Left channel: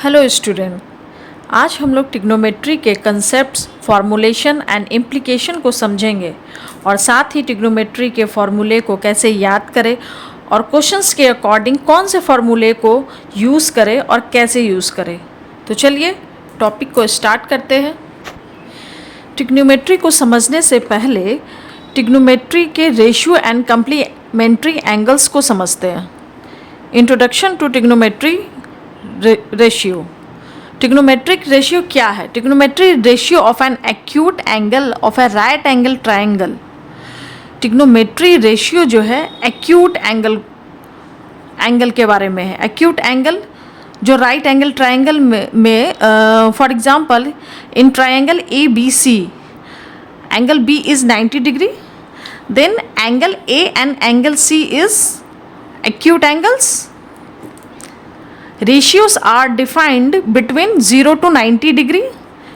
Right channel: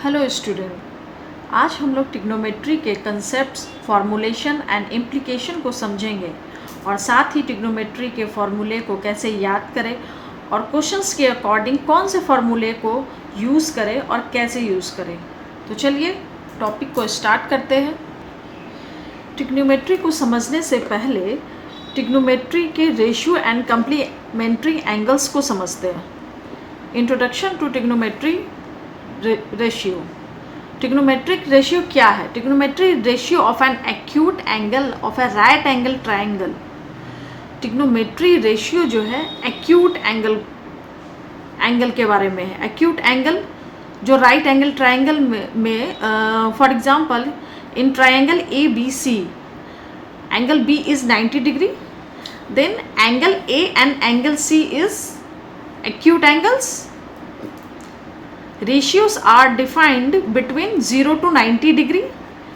Hello student, आज हम लोग ट्रिग्नोमेट्री के कंसेप्ट्स, फॉर्मूलेशन एंड इम्प्लीकेशन को समझेंगे और साथ ही ट्रिग्नोमेट्री के फॉर्मूले को कैसे याद करें और क्वेश्चंस के अकॉर्डिंग कौन से फॉर्मूले को यूज़ करें और कैसे यूज़ करें। तो चलिए टॉपिक को स्टार्ट करते हैं। ट्रिग्नोमेट्री को समझने से पहले ट्रिग्नोमेट्री के रेशियो एंड कम्प्लीमेंट्री एंगल्स को समझते हैं। Introduction to trigonometry ratio. Trigonometric ratio क्या है? Trigonometry ratio of an acute angle of a right angle triangle. Trigonometry ratio जो है एक्यूट एंगल के बारे में है। एक्यूट एंगल जो राइट एंगल ट्रायंगल में for example in triangle A B C, angle B is 90 degree, then angle A and angle C is acute angles. Ratios are defined between 0 to 90 degree.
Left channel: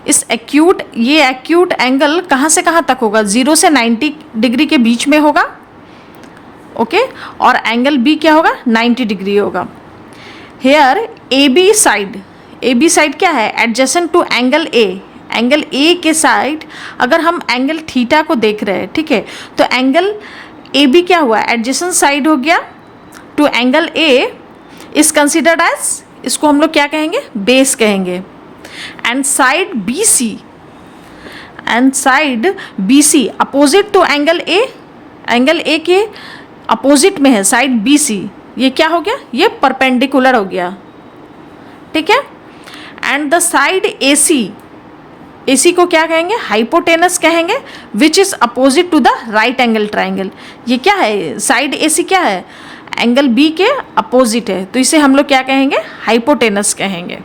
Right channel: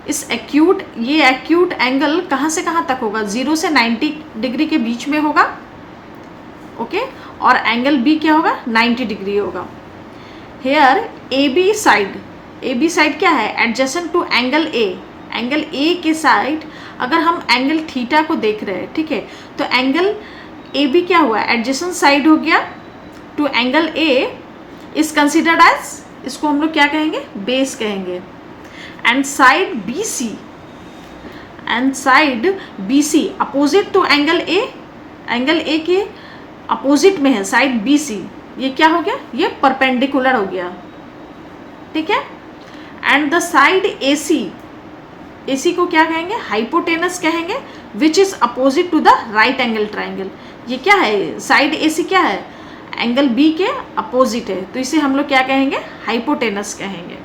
इस ये acute angle कहाँ से कहाँ तक होगा? 0 से 90 degree के बीच में होगा, ओके और एंगल बी क्या होगा? 90 डिग्री होगा। हेयर ए बी साइड क्या है? Adjacent to angle A. Angle A के साइड अगर हम एंगल थीटा को देख रहे हैं, ठीक है, तो एंगल ए बी क्या हुआ? एडजेसेंट साइड हो गया to angle A, is considered as, इसको हम लोग क्या कहेंगे? बेस कहेंगे। And side B C opposite to angle A के अपोजिट में है साइड बी सी, ये क्या हो गया? ये परपेंडिकुलर हो गया, ठीक है। And the side A C को क्या कहेंगे? हाइपोटेनस कहेंगे, which is opposite to the right angle triangle. ये क्या है? साइड ए सी क्या है? एंगल बी के अपोजिट है, तो इसे हम लोग क्या कहेंगे? हाइपोटेनस कहेंगे।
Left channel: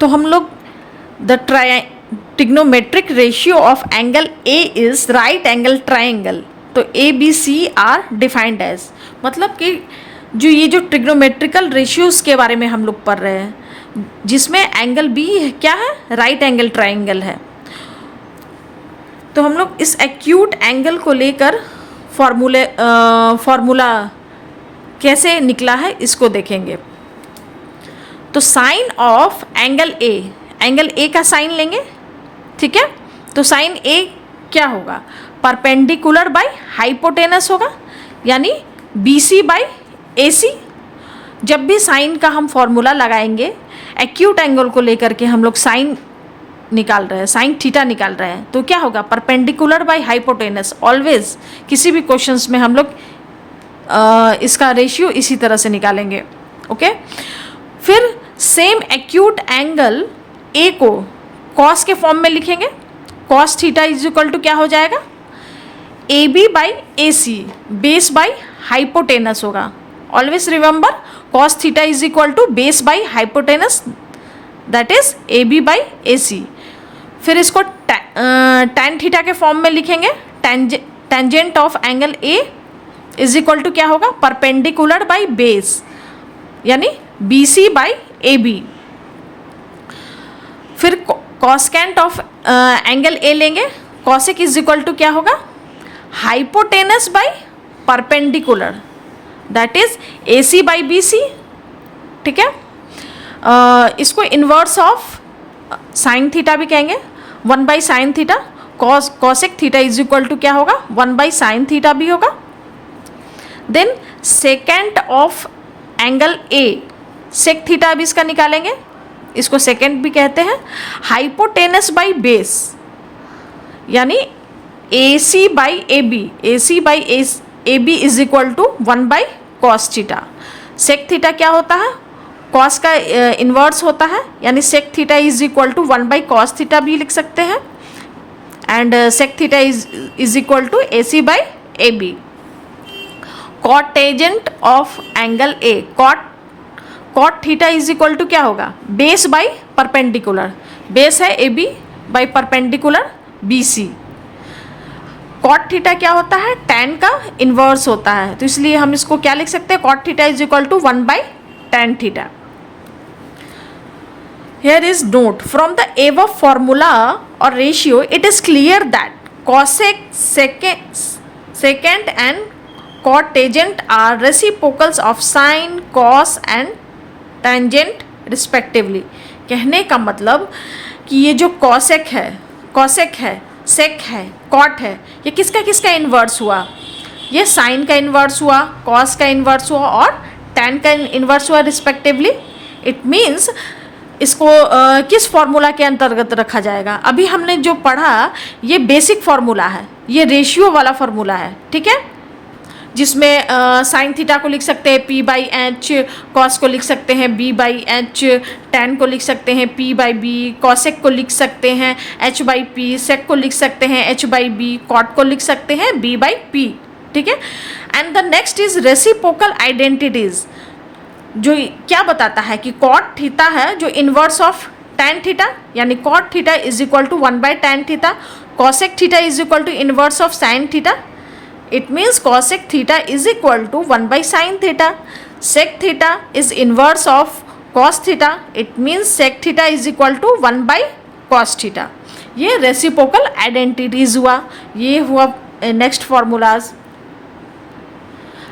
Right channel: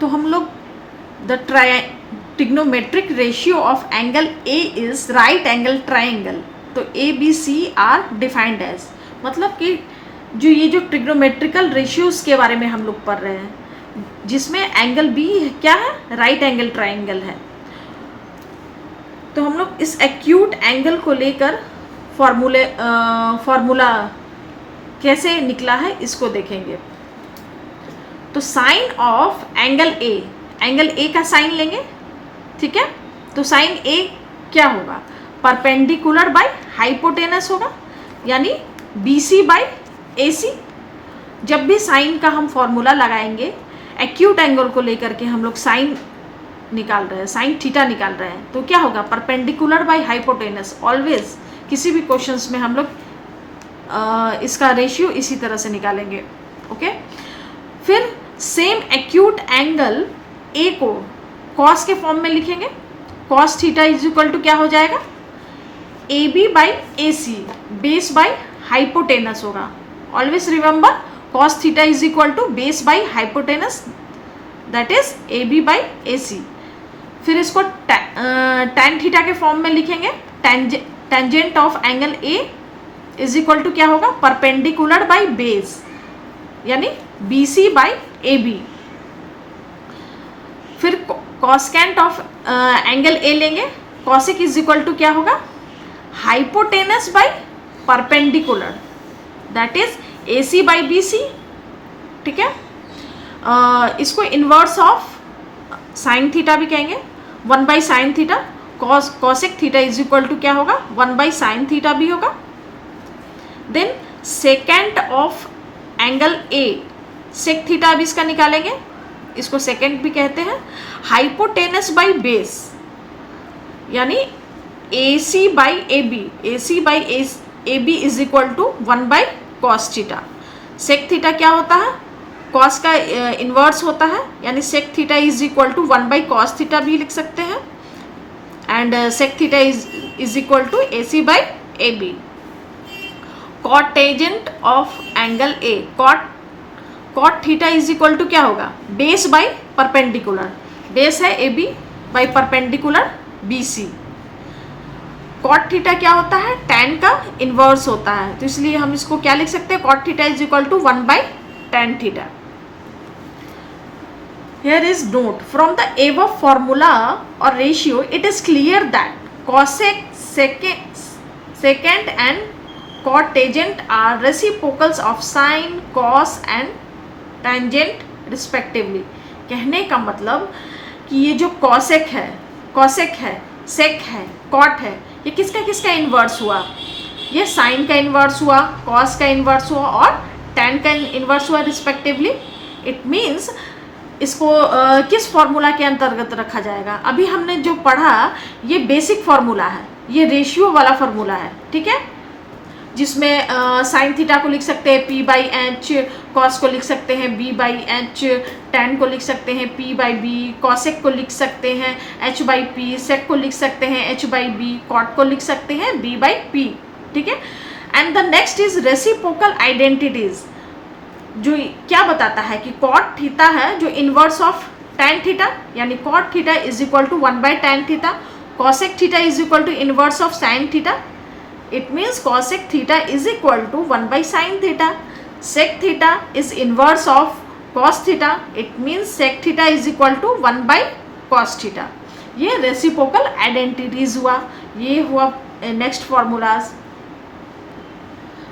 तो हम लोग the trigonometric ratio of angle A is right angle triangle. तो A B C are defined as, मतलब कि जो ये जो ट्रिग्नोमेट्रिकल रेशियोज के बारे में हम लोग पढ़ रहे हैं, जिसमें एंगल बी क्या है? राइट एंगल ट्रायंगल है। तो हम लोग इस एक्यूट एंगल को लेकर फॉर्मूला कैसे निकला है इसको देखेंगे। तो साइन ऑफ एंगल ए का साइन लेंगे, ठीक है। तो साइन ए क्या होगा? परपेंडिकुलर बाय हाइपोटेनस होगा, यानी बी सी बाय ए सी। जब भी साइन का हम फॉर्मूला लगाएंगे एक्यूट एंगल को लेकर के, हम लोग साइन निकाल रहे हैं, साइन थीटा निकाल रहे हैं, तो क्या होगा? Perpendicular by hypotenuse. ऑलवेज किसी भी क्वेश्चंस में हम लोग इसका रेशियो इसी तरह से निकालेंगे, ओके। फिर सेम एक्यूट एंगल ए को कॉस के फॉर्म में लिखेंगे। Cos theta is equal to क्या हो जाएगा? A B by A C, base by hypotenuse होगा। Always remember cos theta is equal to base by hypotenuse, that is A B by A C. फिर इसको tan theta के form में लिखेंगे। Tangent of angle A is equal to क्या होगा? Perpendicular by base, यानी B C by A B. फिर cosecant of angle ए लेंगे। कॉसेक इज इक्वल टू क्या होगा? Hypotenuse by perpendicular, that is A C by B C, ठीक है। इसको इन्वर्स ऑफ साइन थीटा भी कहेंगे, 1 by sine theta. Cosec theta is equal to क्या होगा? 1 बाई साइन थीटा भी होगा। Then second of angle A, sec theta भी इसका निकालेंगे, इसको सेकेंड भी कहते हैं। हाइपोटेनस बाई बेस, यानी A C by A B is equal to 1 by cos theta. Sec theta क्या होता है? कॉस का इन्वर्स होता है, यानी sec theta is equal to 1 by cos theta भी लिख सकते हैं। And sec theta is equal to A C by A B. Cotangent of angle A, cot theta is equal to क्या होगा? बेस बाई परपेंडिकुलर, बेस है A B by perpendicular B C. Cot theta क्या होता है? Tan का inverse होता है, तो इसलिए हम इसको क्या लिख सकते हैं? Cot theta is equal to 1 by tan theta. Here is note, from the above formula or ratio, it is clear that cosec secant and cotangent are reciprocals of sine, cos and tangent respectively. कहने का मतलब कि ये जो cosec है, सेक है, cot है, ये किसका किसका इन्वर्स हुआ? ये साइन का इन्वर्स हुआ, कॉस का इन्वर्स हुआ और टैन का इन्वर्स हुआ रिस्पेक्टिवली। इट मीन्स इसको किस फॉर्मूला के अंतर्गत रखा जाएगा? अभी हमने जो पढ़ा ये बेसिक फॉर्मूला है, ये रेशियो वाला फॉर्मूला है, ठीक है, जिसमें साइन थीटा को लिख सकते हैं P बाई एच, कॉस को लिख सकते हैं B बाई एच, टैन को लिख सकते हैं P बाई बी, कॉसेक को लिख सकते हैं H बाई पी, सेक को लिख सकते हैं H बाई बी, कॉट को लिख सकते हैं B बाई पी, ठीक है। And the next is reciprocal identities, जो क्या बताता है कि कॉट थीटा है जो इन्वर्स ऑफ टैन थीटा, यानी cot theta is equal to 1 by tan theta, cosec theta is equal to inverse of sine theta. It means cosec theta is equal to 1 by sin theta. Sec theta is inverse of cos theta. It means sec theta is equal to 1 by cos theta. ये reciprocal identities हुआ, ये हुआ next formulas।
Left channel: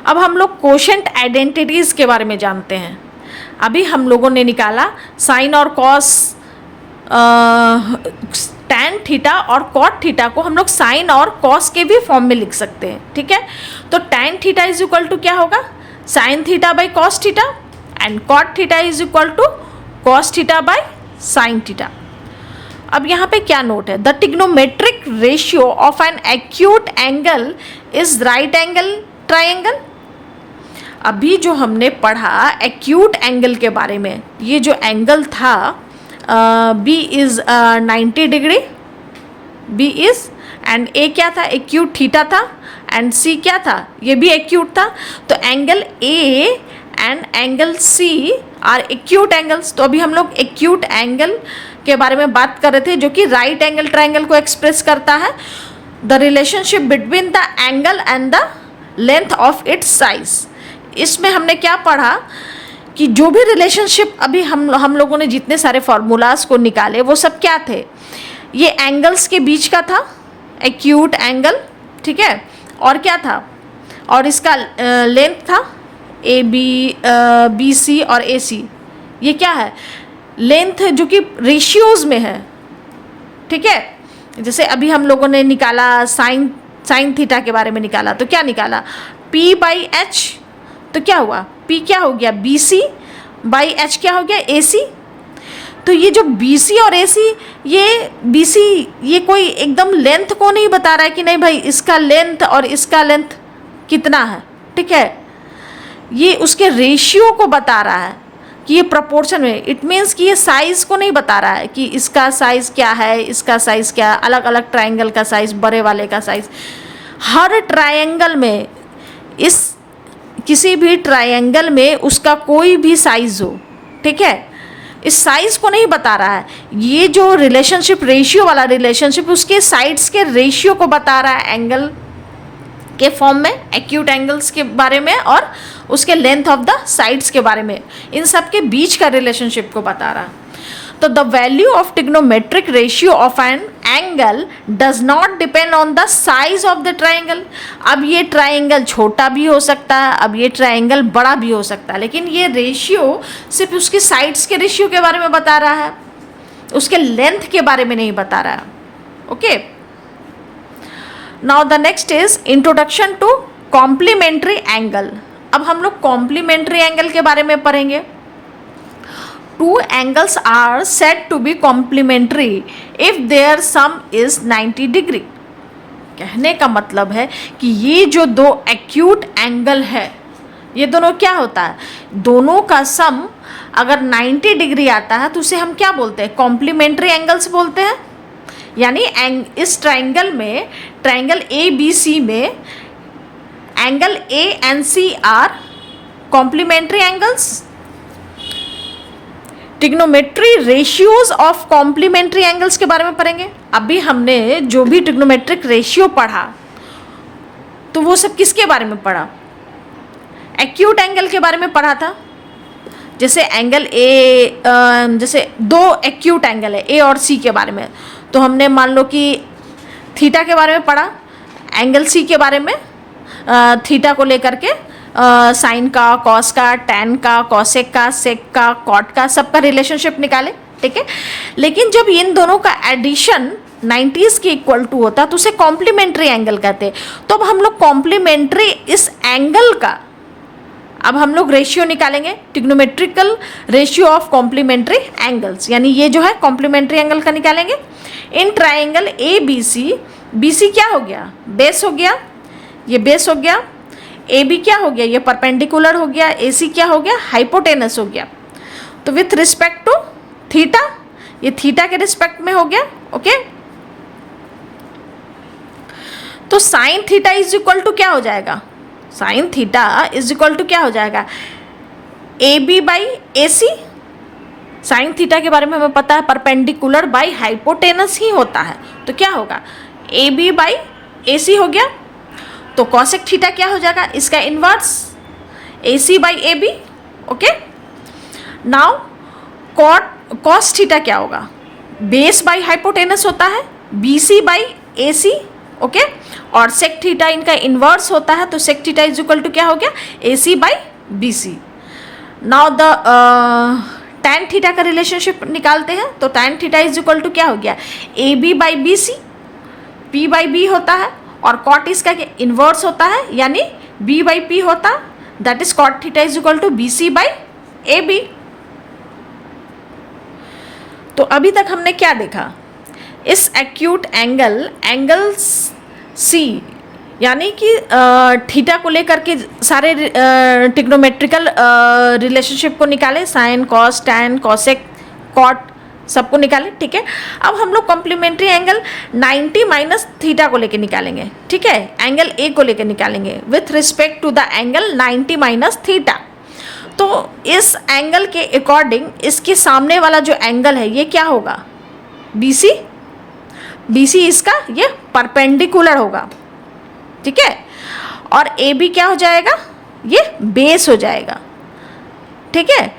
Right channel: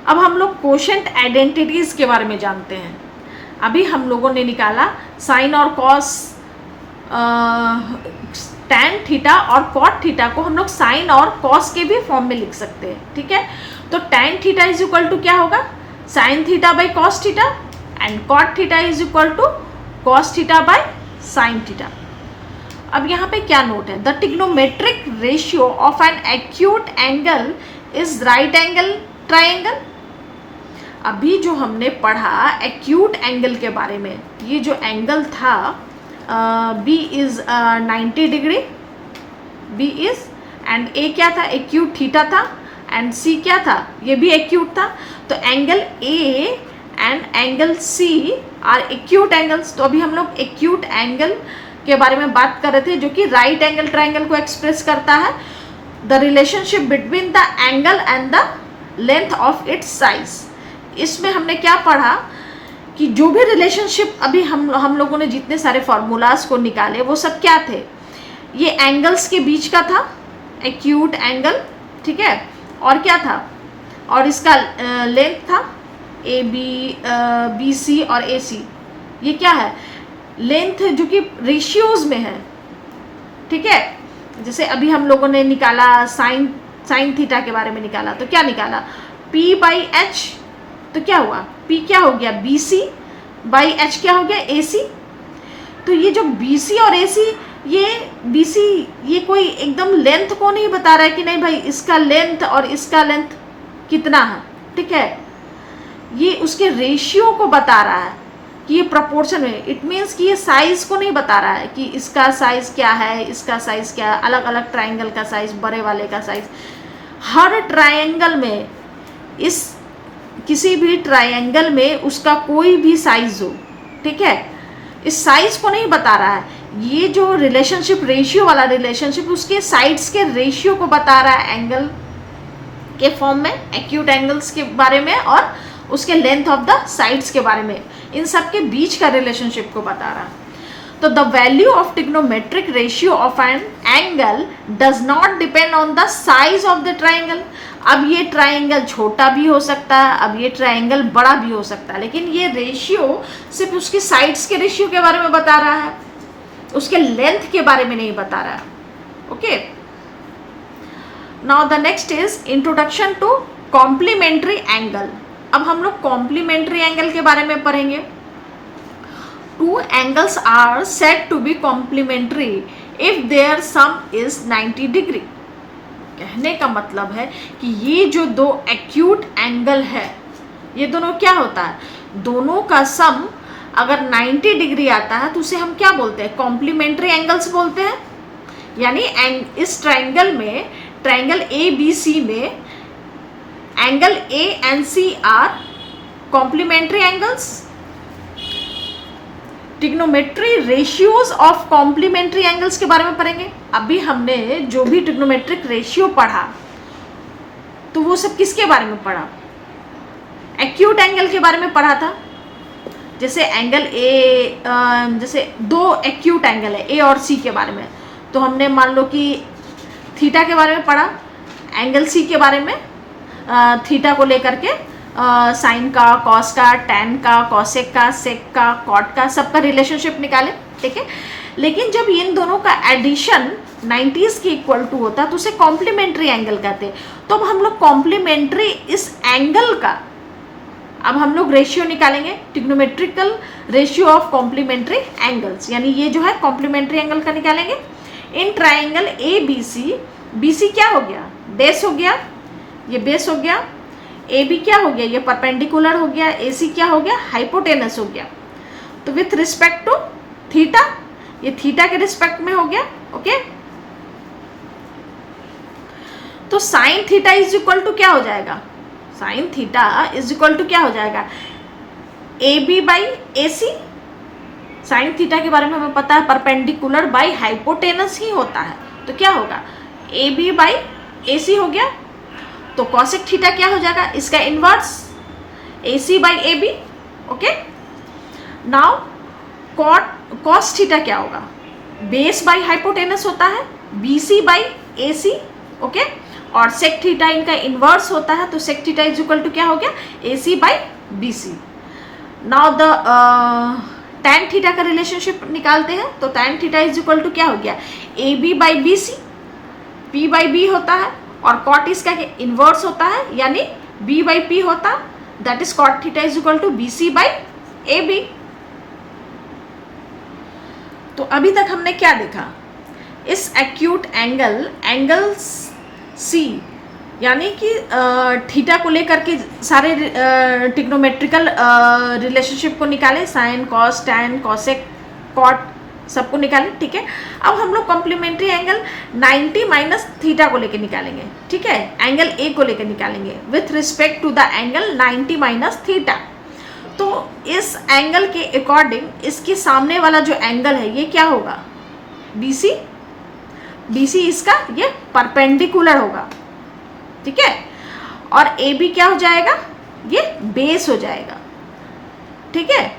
अब हम लोग quotient identities के बारे में जानते हैं। अभी हम लोगों ने निकाला sin और cos, टैन थीटा और कॉट थीटा को हम लोग साइन और कॉस के भी फॉर्म में लिख सकते हैं, ठीक है। तो tan theta is equal to क्या होगा? Sine theta by cos theta, and cot theta is equal to cos theta by sine theta. अब यहाँ पे क्या नोट है? The trigonometric ratio of an acute angle is right angle triangle. अभी जो हमने पढ़ा एक्यूट एंगल के बारे में, ये जो एंगल था B is 90 degree, B is, and A क्या था? एक्यूट थीटा था, एंड C क्या था? ये भी एक्यूट था। तो angle A and angle C are acute angles. तो अभी हम लोग एक्यूट एंगल के बारे में बात कर रहे थे, जो कि राइट एंगल ट्राइंगल को एक्सप्रेस करता है। The relationship between the angle and the length of its size. इसमें हमने क्या पढ़ा कि जो भी रिलेशनशिप अभी हम लोगों ने जितने सारे फार्मूलाज को निकाले वो सब क्या थे? ये एंगल्स के बीच का था, एक्यूट एंगल, ठीक है, और क्या था? और इसका लेंथ था BC और AC। ये क्या है? लेंथ जो कि रेशियोज में है, ठीक है। जैसे अभी हम लोगों ने निकाला साइन थीटा के बारे में निकाला, तो क्या निकाला? P बाई एच, तो क्या हुआ? P क्या हो गया? BC बाई H क्या हो गया? AC। तो ये जो BC और AC, ये BC ये कोई एकदम लेंथ को नहीं बता रहा है कि नहीं भाई इसका लेंथ और इसका लेंथ कितना है, ठीक है। ये उसके रेशियो को बता रहा है कि ये प्रपोर्शन में। इट मीन्स कि ये साइज को नहीं बता रहा है कि इसका साइज क्या है, इसका साइज क्या है, अलग अलग ट्राइंगल का साइज, बड़े वाले का साइज। हर ट्राइंगल में, इस किसी भी ट्राइंगल में उसका कोई भी साइज हो, ठीक है, इस साइज को नहीं बता रहा है। ये जो रिलेशनशिप, रेशियो वाला रिलेशनशिप, उसके साइड्स के रेशियो को बता रहा है एंगल के फॉर्म में, एक्यूट एंगल्स के बारे में और उसके लेंथ ऑफ द साइड्स के बारे में, इन सब के बीच का रिलेशनशिप को बता रहा है। तो the value of trigonometric ratio of an angle does not depend on the size of the triangle. अब ये ट्राइंगल छोटा भी हो सकता है, अब ये ट्राइंगल बड़ा भी हो सकता है, लेकिन ये रेशियो सिर्फ उसके साइड्स के रेशियो के बारे में बता रहा है, उसके लेंथ के बारे में नहीं बता रहा है। Okay, now the next is introduction to complementary angle. अब हम लोग कॉम्प्लीमेंट्री एंगल के बारे में पढ़ेंगे। Two angles are said to be complementary if their sum is 90 degree। कहने का मतलब है कि ये जो दो एक्यूट एंगल है, ये दोनों क्या होता है? दोनों का सम अगर 90 डिग्री आता है तो उसे हम क्या बोलते हैं? कॉम्प्लीमेंट्री एंगल्स बोलते हैं। यानी इस ट्राइंगल में, ट्राइंगल ABC में angle A and C are complementary angles. Trigonometry ratios of complementary angles के बारे में पढ़ेंगे। अभी हमने जो भी ट्रिग्नोमेट्रिक रेशियो पढ़ा तो वो सब किसके बारे में पढ़ा? एक्यूट एंगल के बारे में पढ़ा था। जैसे एंगल A, जैसे दो एक्यूट एंगल है A और C के बारे में, तो हमने मान लो कि थीटा के बारे में पढ़ा, एंगल C के बारे में थीटा को लेकर के साइन का, कॉस का, टैन का, कॉसेक का, सेक का, कॉट का, सबका रिलेशनशिप निकाले, ठीक है। लेकिन जब इन दोनों का एडिशन 90s के इक्वल टू होता है तो उसे कॉम्प्लीमेंट्री एंगल कहते हैं। तो अब हम लोग कॉम्प्लीमेंट्री इस एंगल का अब हम लोग रेशियो निकालेंगे, trigonometrical ratio of complementary angles, यानी ये जो है कॉम्प्लीमेंट्री एंगल का निकालेंगे। In triangle A B C, B C क्या हो गया, बेस हो गया, ये बेस हो गया। ए बी क्या हो गया, ये परपेंडिकुलर हो गया। ए सी क्या हो गया, हाइपोटेनस हो गया। तो विथ रिस्पेक्ट टू थीटा, ये थीटा के रिस्पेक्ट में हो गया, ओके। तो sine theta is equal to क्या हो जाएगा, sine theta is equal to क्या हो जाएगा, A B by A C. Sine theta के बारे में हमें पता है परपेंडिकुलर बाई हाइपोटेनस ही होता है, तो क्या होगा, ए बी बाई ए सी हो गया। तो कॉसेक थीटा क्या हो जाएगा, इसका inverse A C by A B, okay. Now cos theta क्या होगा, बेस बाई हाइपोटेनस होता है, B C by A C, okay. और सेक थीटा इनका इनवर्स होता है, तो sec theta is equal to क्या हो गया, A C by B C. Now the tan theta का रिलेशनशिप निकालते हैं, तो tan theta is equal to क्या हो गया, A B by B C, P by B होता है। और कॉट इसका इनवर्स होता है, यानी बी बाई पी होता है, that is cot theta is equal to B C by A B. तो अभी तक हमने क्या देखा, इस एक्यूट एंगल सी, यानी कि थीटा को लेकर के सारे ट्रिग्नोमेट्रिकल रिलेशनशिप को निकाले, sine, cos, tan, cosec, cot, सबको निकाले, ठीक है। अब हम लोग कॉम्प्लीमेंट्री एंगल 90 माइनस थीटा को लेके निकालेंगे, ठीक है, एंगल ए को लेके निकालेंगे with respect to the angle 90 minus theta. तो इस एंगल के अकॉर्डिंग इसके सामने वाला जो एंगल है ये क्या होगा, बी सी, बी सी इसका ये परपेंडिकुलर होगा, ठीक है। और ए बी क्या हो जाएगा, ये बेस हो जाएगा, ठीक है।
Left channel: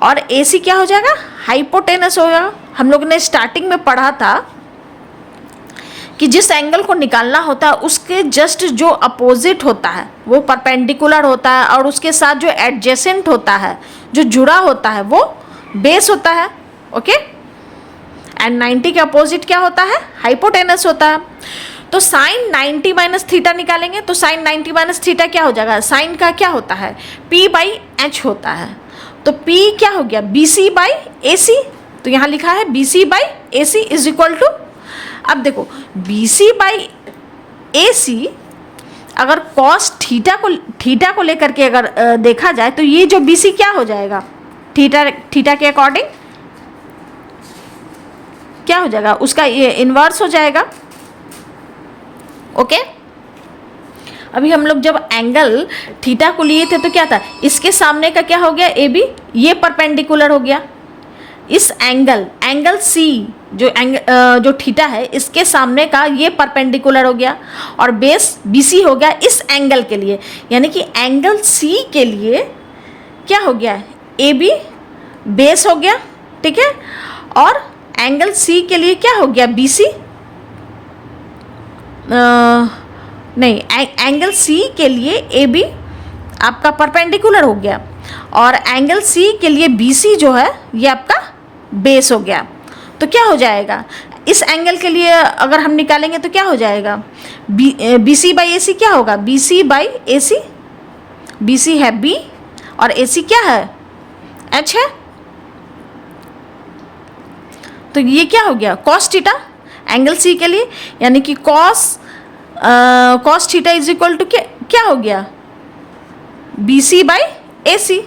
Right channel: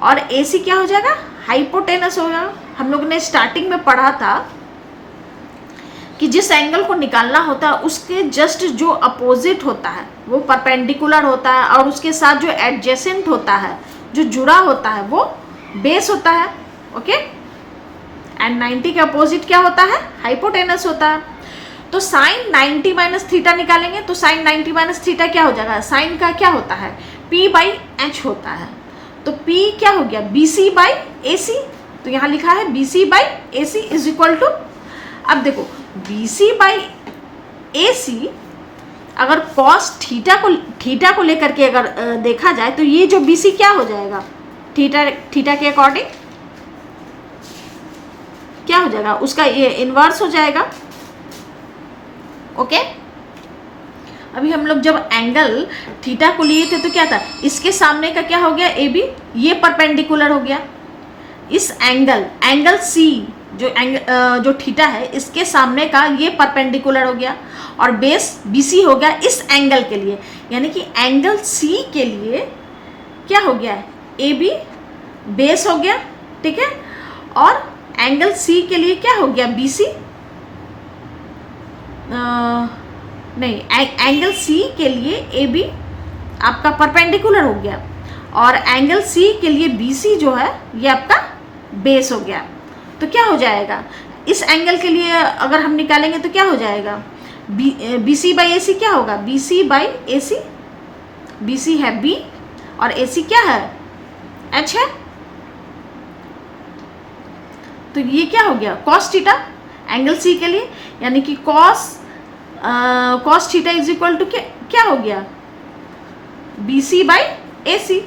और ए सी क्या हो जाएगा, हाइपोटेनस होगा। हम लोग ने स्टार्टिंग में पढ़ा था कि जिस एंगल को निकालना होता है उसके जस्ट जो अपोजिट होता है वो परपेंडिकुलर होता है, और उसके साथ जो एडजेसेंट होता है, जो जुड़ा होता है, वो बेस होता है, ओके। एंड 90 के अपोजिट क्या होता है, हाइपोटेनस होता है। तो साइन 90 माइनस थीटा निकालेंगे, तो साइन 90 माइनस थीटा क्या हो जाएगा, साइन का क्या होता है, पी बाई एच होता है। तो P क्या हो गया, बी सी बाई ए सी। तो यहाँ लिखा है B C by A C is equal to, अब देखो बी सी बाई ए सी, अगर कॉस थीटा को लेकर के अगर देखा जाए तो ये जो बी सी क्या हो जाएगा, थीटा के अकॉर्डिंग क्या हो जाएगा, उसका ये इनवर्स हो जाएगा, ओके। अभी हम लोग जब एंगल थीटा को लिए थे तो क्या था, इसके सामने का क्या हो गया, ए बी, ये परपेंडिकुलर हो गया। इस एंगल सी जो थीटा है इसके सामने का ये परपेंडिकुलर हो गया, और बेस बी सी हो गया इस एंगल के लिए, यानी कि एंगल सी के लिए क्या हो गया, ए बी बेस हो गया, ठीक है। और एंगल सी के लिए क्या हो गया, बी सी, नहीं, एंगल सी के लिए ए बी आपका परपेंडिकुलर हो गया, और एंगल सी के लिए बी सी जो है ये आपका बेस हो गया। तो क्या हो जाएगा, इस एंगल के लिए अगर हम निकालेंगे तो क्या हो जाएगा, B C by A C क्या होगा, B C by A C, B C है बी और ए सी क्या है, एच है। तो ये क्या हो गया, कॉस थीटा एंगल सी के लिए, यानी कि cos theta is equal to क्या हो गया, बी सी बाई ए सी।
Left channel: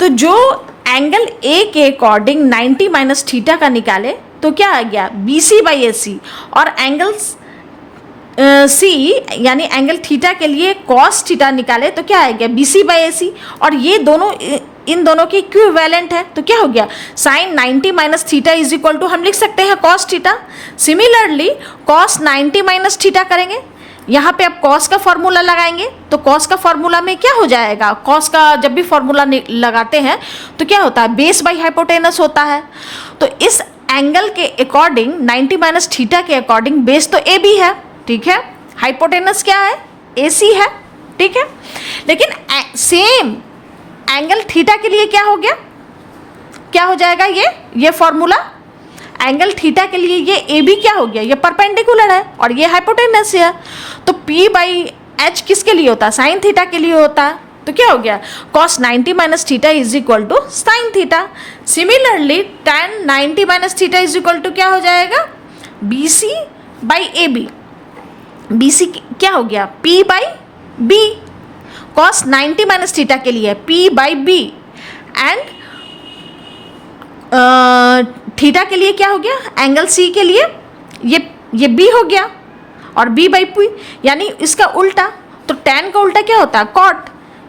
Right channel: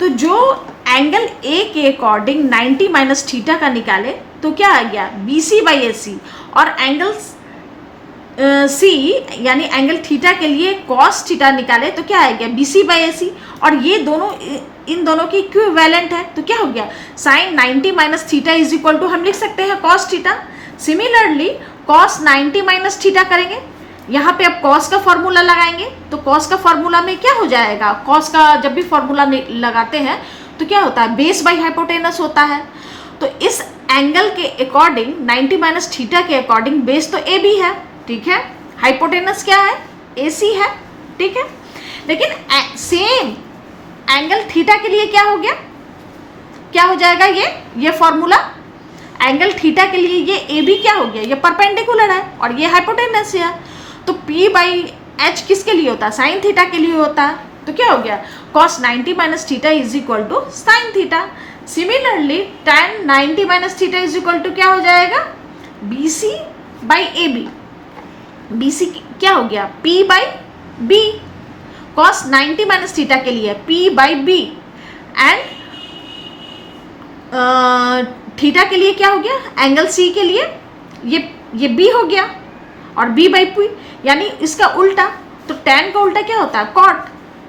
तो जो एंगल ए के अकॉर्डिंग 90 माइनस थीटा का निकाले तो क्या आ गया, बी सी बाई ए सी। और एंगल सी यानी एंगल थीटा के लिए कॉस थीटा निकाले तो क्या आ गया, बी सी बाई ए सी। और ये दोनों इन दोनों के इक्विवेलेंट है, तो क्या हो गया, sine 90 minus theta is equal to हम लिख सकते हैं cos theta. Similarly cos 90 minus theta करेंगे, यहाँ पे आप कॉस का फॉर्मूला लगाएंगे, तो कॉस का फॉर्मूला में क्या हो जाएगा, कॉस का जब भी फॉर्मूला लगाते हैं तो क्या होता है, बेस बाई हाइपोटेनस होता है। तो इस एंगल के अकॉर्डिंग 90 माइनस थीटा के अकॉर्डिंग बेस तो ए बी है, ठीक है, हाइपोटेनस क्या है, ए सी है, ठीक है। लेकिन सेम एंगल थीटा के लिए क्या हो गया, क्या हो जाएगा, ये फॉर्मूला एंगल थीटा के लिए ये ए बी क्या हो गया, ये परपेंडिकुलर है और ये हाइपोटेनस है, तो पी बाई एच किसके लिए होता है, साइन थीटा के लिए होता है, तो क्या हो गया cos 90 minus theta is equal to sine theta. Similarly tan 90 minus theta is equal to क्या हो जाएगा, B C by A B, B C क्या हो गया p by B, cos 90 minus theta के लिए p by B, and theta के लिए क्या हो गया, एंगल सी के लिए ये b हो गया और b बाई पी, यानी इसका उल्टा, तो tan का उल्टा क्या होता है cot,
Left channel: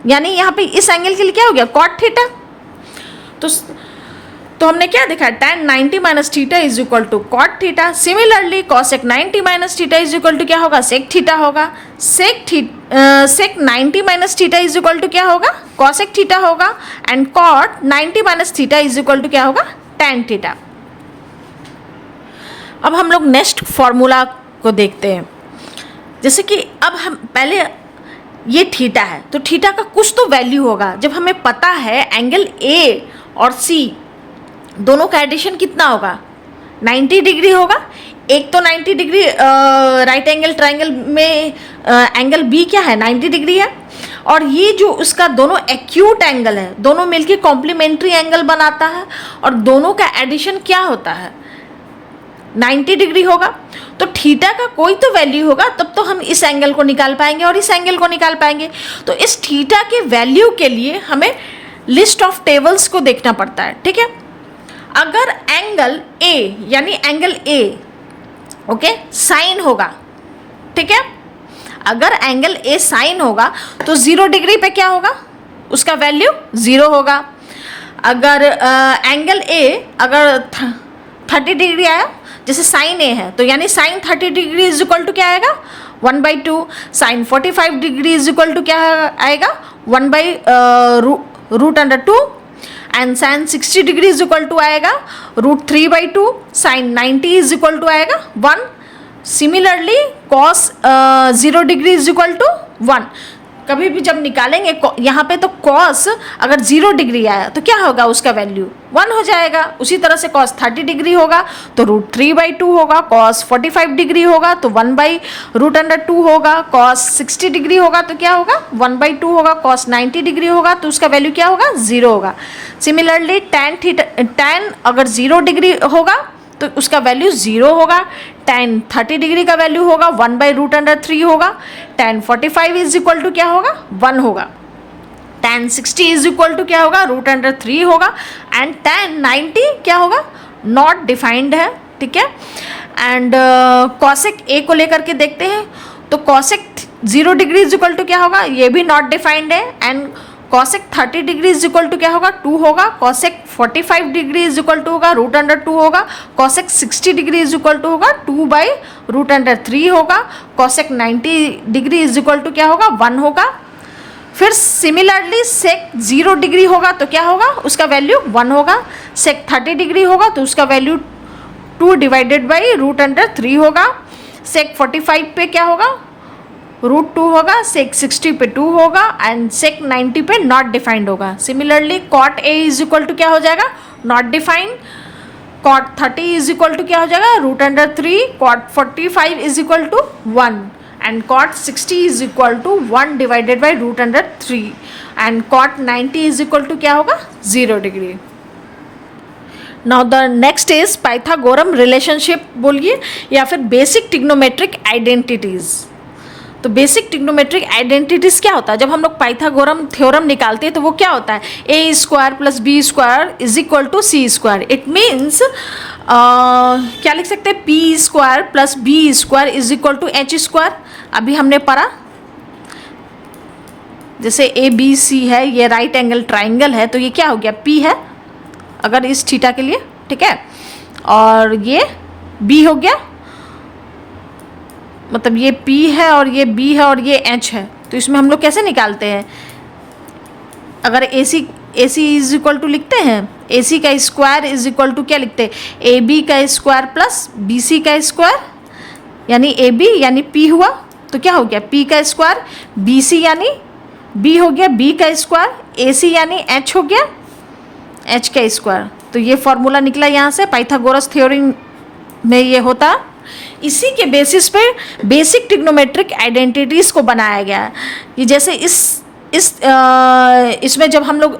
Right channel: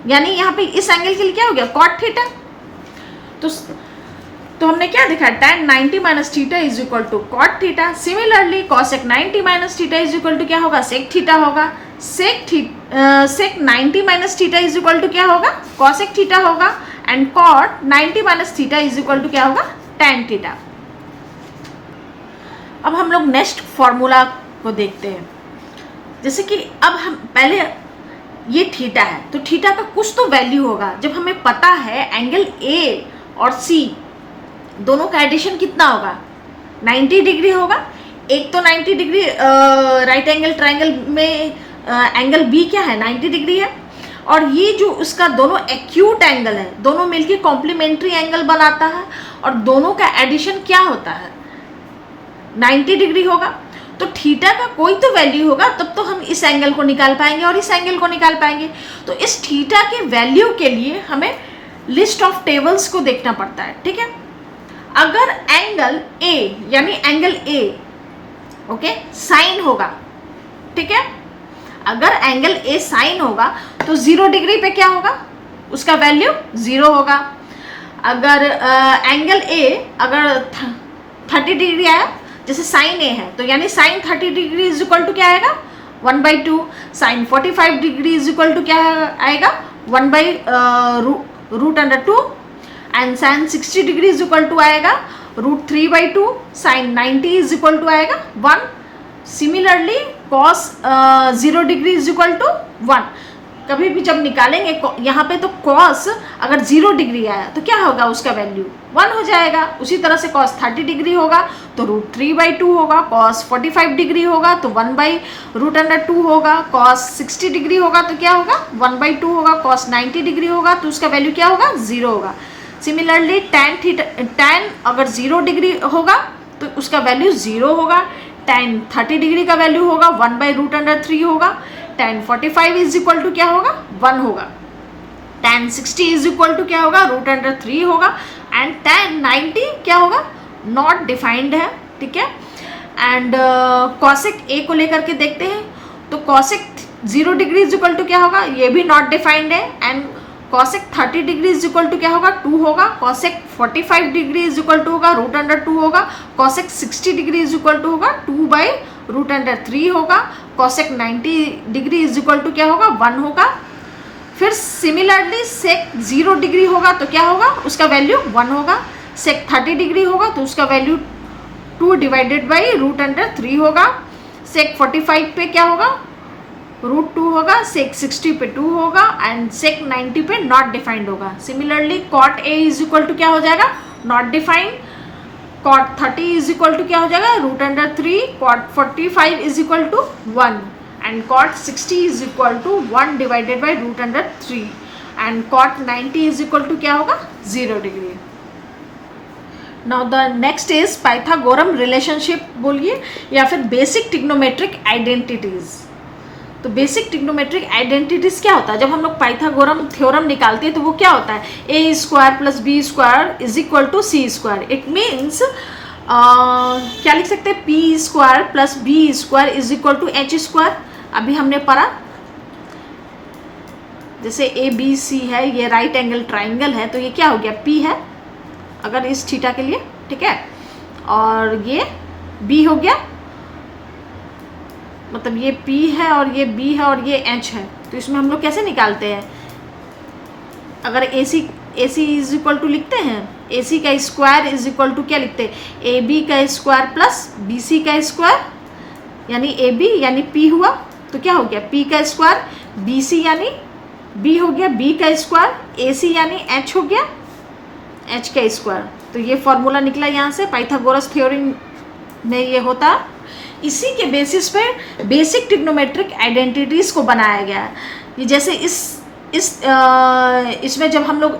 यानी यहाँ पे इस एंगल के लिए क्या हो गया cot थीटा। तो हमने क्या देखा, tan 90 minus theta is equal to cot theta. Similarly cosec 90 minus theta is equal to क्या होगा, sec थीटा होगा। sec 90 minus theta is equal to क्या होगा, cosec थीटा होगा, and cot 90 minus theta is equal to क्या होगा, tan theta. अब हम लोग नेक्स्ट फॉर्मूला को देखते हैं। जैसे कि अब हम पहले ये थीटा है, तो थीटा का कुछ तो वैल्यू होगा। जब हमें पता है एंगल ए और सी दोनों का एडिशन कितना होगा, 90 डिग्री होगा। एक तो 90 डिग्री राइट एंगल ट्राइंगल में एंगल बी क्या है, 90 डिग्री है, और ये जो उसका दोनों एक्यूट एंगल है, दोनों मिलके कॉम्प्लीमेंट्री एंगल बनाता है, और दोनों का एडिशन क्या होता है, 90 डिग्री होगा। तो थीटा का कोई तो वैल्यू होगा, तब तो हम इस एंगल को निकाल पाएंगे और इस एंगल को निकाल पाएंगे। तो इस थीटा के वैल्यू के लिए हमें लिस्ट ऑफ टेबल्स को देखना पड़ता है, ठीक है। अगर एंगल ए, यानी एंगल ए ओके साइन होगा, ठीक है, अगर एंगल ए साइन होगा तो 0 डिग्री पे क्या होगा, उसका वैल्यू 0 होगा। अगर एंगल ए अगर 30 डिग्री आया, जैसे साइन ए है, तो यानी sine 30 degree is equal to क्या आएगा, 1/2। Sine 45 degree is equal to क्या आएगा, 1/√2, and sine 60 degree is equal to आएगा √3/2। साइन 90 इज इक्वल टू आएगा 1। Similarly cos 0 degree is equal to 1। कभी भी जब निकालेंगे यहाँ पे, तो कॉस अगर 0 डिग्री आया तो क्या होगा, उसका वैल्यू 1 हो जाएगा। उसी तरह से कॉस 30 डिग्री होगा तो √3/2 होगा। कॉस 45 डिग्री होगा तो 1/√2 होगा। कॉस 60 डिग्री होगा तो क्या होगा, 1/2 होगा। कॉस 90 डिग्री होगा तो उसका वैल्यू क्या होगा, 0 होगा। सिमिलरली tan अगर 0 डिग्री होगा तो उसका वैल्यू 0 होगा। tan 30 डिग्री का वैल्यू होगा 1/√3 होगा। tan 45 इज इक्वल टू क्या होगा, 1 होगा। tan 60 इज इक्वल टू क्या होगा, √3 होगा। एंड tan 90 क्या होगा, नॉट डिफाइंड है, ठीक है। एंड cosec a को लेकर के देखते हैं, तो cosec 0 degree is equal to क्या होगा, ये भी नॉट डिफाइंड है। And cosec 30 degree is equal to क्या होगा, 2 होगा। cosec 45 degree is equal to होगा √2 होगा। cosec 60 degree is equal to होगा 2/√3 होगा। cosec 90 degree is equal to क्या होगा, 1 होगा। फिर सिमिलरली sec 0 डिग्री होगा तो क्या होगा, उसका वैल्यू 1 होगा। sec 30 डिग्री होगा तो उसका वैल्यू 2/√3 होगा। sec 45 पे क्या होगा, √2 होगा। sec 60 पे 2 होगा। एंड sec 90 पे नॉट डिफाइंड होगा। Similarly cot a is equal to क्या हो जाएगा, not defined. cot 30 is equal to क्या हो जाएगा, √3। cot 45 is equal to 1। And cot 60 is equal to 1/√3। And cot 90 is equal to क्या होगा, 0 degree. Now the next is Pythagorean relationship बोलिए, या फिर बेसिक ट्रिग्नोमेट्रिक आइडेंटिटीज। तो बेसिक ट्रिग्नोमेट्रिक आइडेंटिटीज क्या होता है, जब हम लोग पाइथागोरम थ्योरम निकालते हैं तो वो क्या होता है, a² + b² is equal to c²। It means क्या लिख सकते हैं, p² + b² is equal to h²। अभी हमने पढ़ा, जैसे ABC है, ये राइट एंगल ट्राइंगल है, तो ये क्या हो गया, p है अगर इस थीटा के लिए, ठीक है, और ये b हो गया, मतलब ये P है और ये B है और ये H है। तो इसमें हम लोग कैसे निकालते हैं, अगर AC इज इक्वल टू लिखते हैं, AC का स्क्वायर इज इक्वल टू क्या लिखते हैं, AB का स्क्वायर प्लस BC का स्क्वायर, यानी AB यानी P हुआ, तो क्या हो गया, P का स्क्वायर, BC यानी बी हो गया बी का स्क्वायर, ए सी यानी एच हो गया एच का स्क्वायर। तो ये फॉर्मूला निकला यहाँ से, पाइथागोरस थ्योरम में ये होता। इसी के बेसिस पे बेसिक ट्रिग्नोमेट्रिक आइडेंटिटीज को बनाया गया है। ये जैसे इसमें जब हम लोग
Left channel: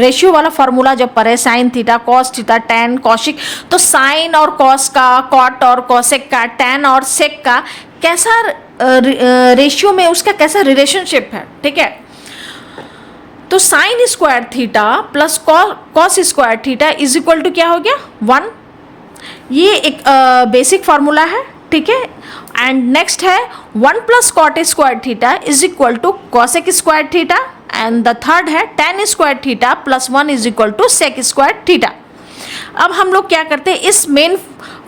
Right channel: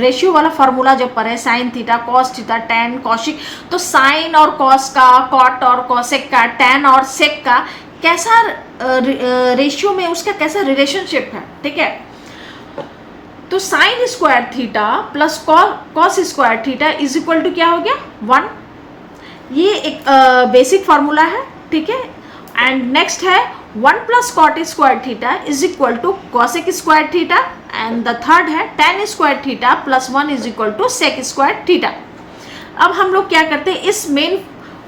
रेशियो वाला फॉर्मूला जब पढ़े, sine theta cos theta tan कॉशिक, तो साइन और कॉस का, कॉट और कॉसेक का, टैन और सेक का कैसा रेशियो में उसका कैसा रिलेशनशिप है, ठीक है। तो sine square theta plus cos square theta is equal to क्या हो गया 1। ये एक बेसिक फार्मूला है, ठीक है। एंड नेक्स्ट है 1 plus cot square theta is equal to cosec square theta, and the third है tan square theta plus 1 is equal to sec square theta. अब हम लोग क्या करते हैं, इस मेन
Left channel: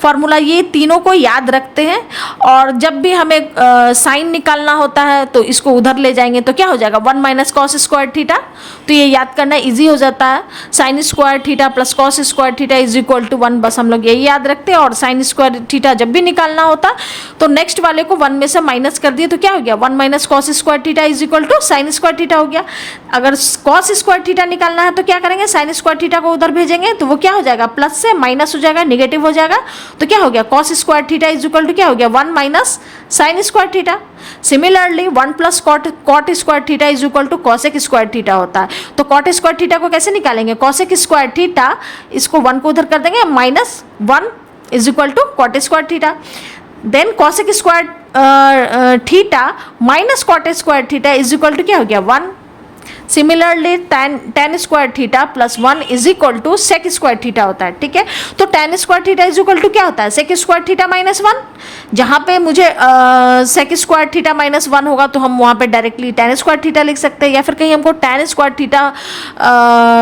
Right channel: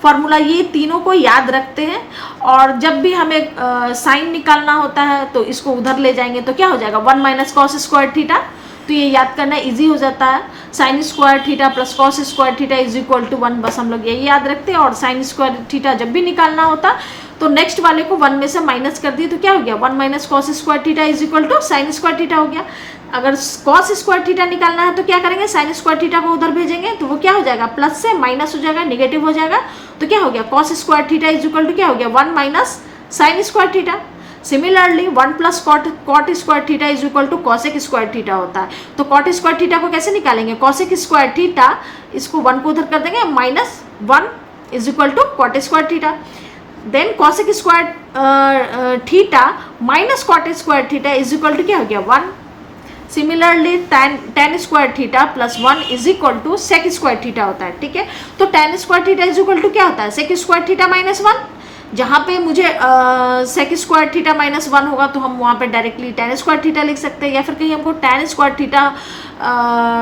फॉर्मूला ये तीनों को याद रखते हैं, और जब भी हमें साइन निकालना होता है तो इसको उधर ले जाएंगे तो क्या हो जाएगा 1 माइनस कॉस स्क्वायर थीटा। तो ये याद करना इजी हो जाता है, sine square theta plus cos square theta is equal to 1, बस हम लोग यही याद रखते हैं। और साइन स्क्वायर थीटा जब भी निकालना होता तो नेक्स्ट वाले को 1 में से माइनस कर दिए तो क्या हो गया 1 minus cos square theta is equal to sine square theta हो गया। अगर कॉस स्क्वायर थीटा निकालना है तो क्या करेंगे, साइन स्क्वायर थीटा को उधर भेजेंगे तो वो क्या हो जाएगा प्लस से माइनस हो जाएगा, निगेटिव हो जाएगा, तो क्या हो गया cos square theta is equal to क्या हो गया 1 minus sine square theta. Similarly 1 plus cot square theta is equal to cosec square theta होता है। तो कॉट स्क्वायर थीटा को कैसे निकालेंगे, कॉसेक स्क्वायर थीटा, इसको 1 को उधर कर देंगे, minus 1 is equal to cot square theta. Then cosec square theta minus cot square theta is equal to क्या हो गया 1। Similarly tan square theta plus 1 is equal to sec square theta होता है, ठीक है। तो tan square theta is equal to क्या होता है सेक स्क्वायर थीटा माइनस 1। जहाँ पे मुझे सेक स्क्वायर थीटा माइनस 1 होगा तो हम वहाँ पे डायरेक्टली tan स्क्वायर थीटा लिख सकते हैं, या फिर कहीं हमको tan स्क्वायर थीटा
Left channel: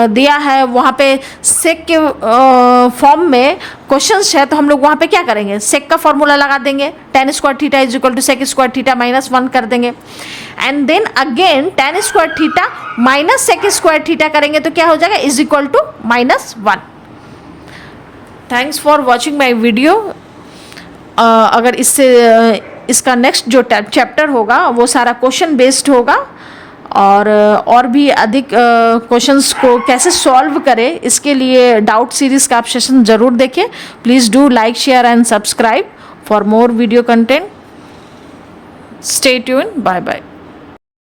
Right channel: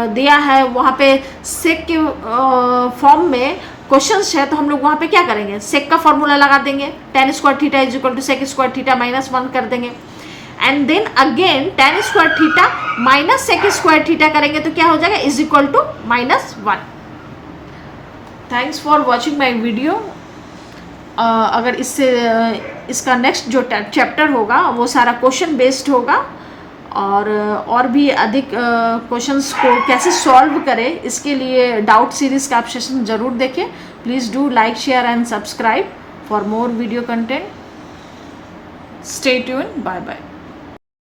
दिया है वहाँ पे सेक के फॉर्म में क्वेश्चंस है तो हम लोग वहाँ पे क्या करेंगे, सेक का फॉर्मूला लगा देंगे, tan square theta is equal to sec square theta minus 1 कर देंगे, and then again tan square theta minus sec square theta करेंगे तो क्या हो जाएगा is equal to minus 1। Thanks for watching my video. अगर इसका नेक्स्ट जो चैप्टर होगा वो सारा क्वेश्चन बेस्ड होगा, और भी अधिक क्वेश्चंस को कैसे सॉल्व करें इसके लिए डाउट सीरीज का आप सेशन ज़रूर देखें। Please do like share and subscribe for more video content. Stay tune, bye bye.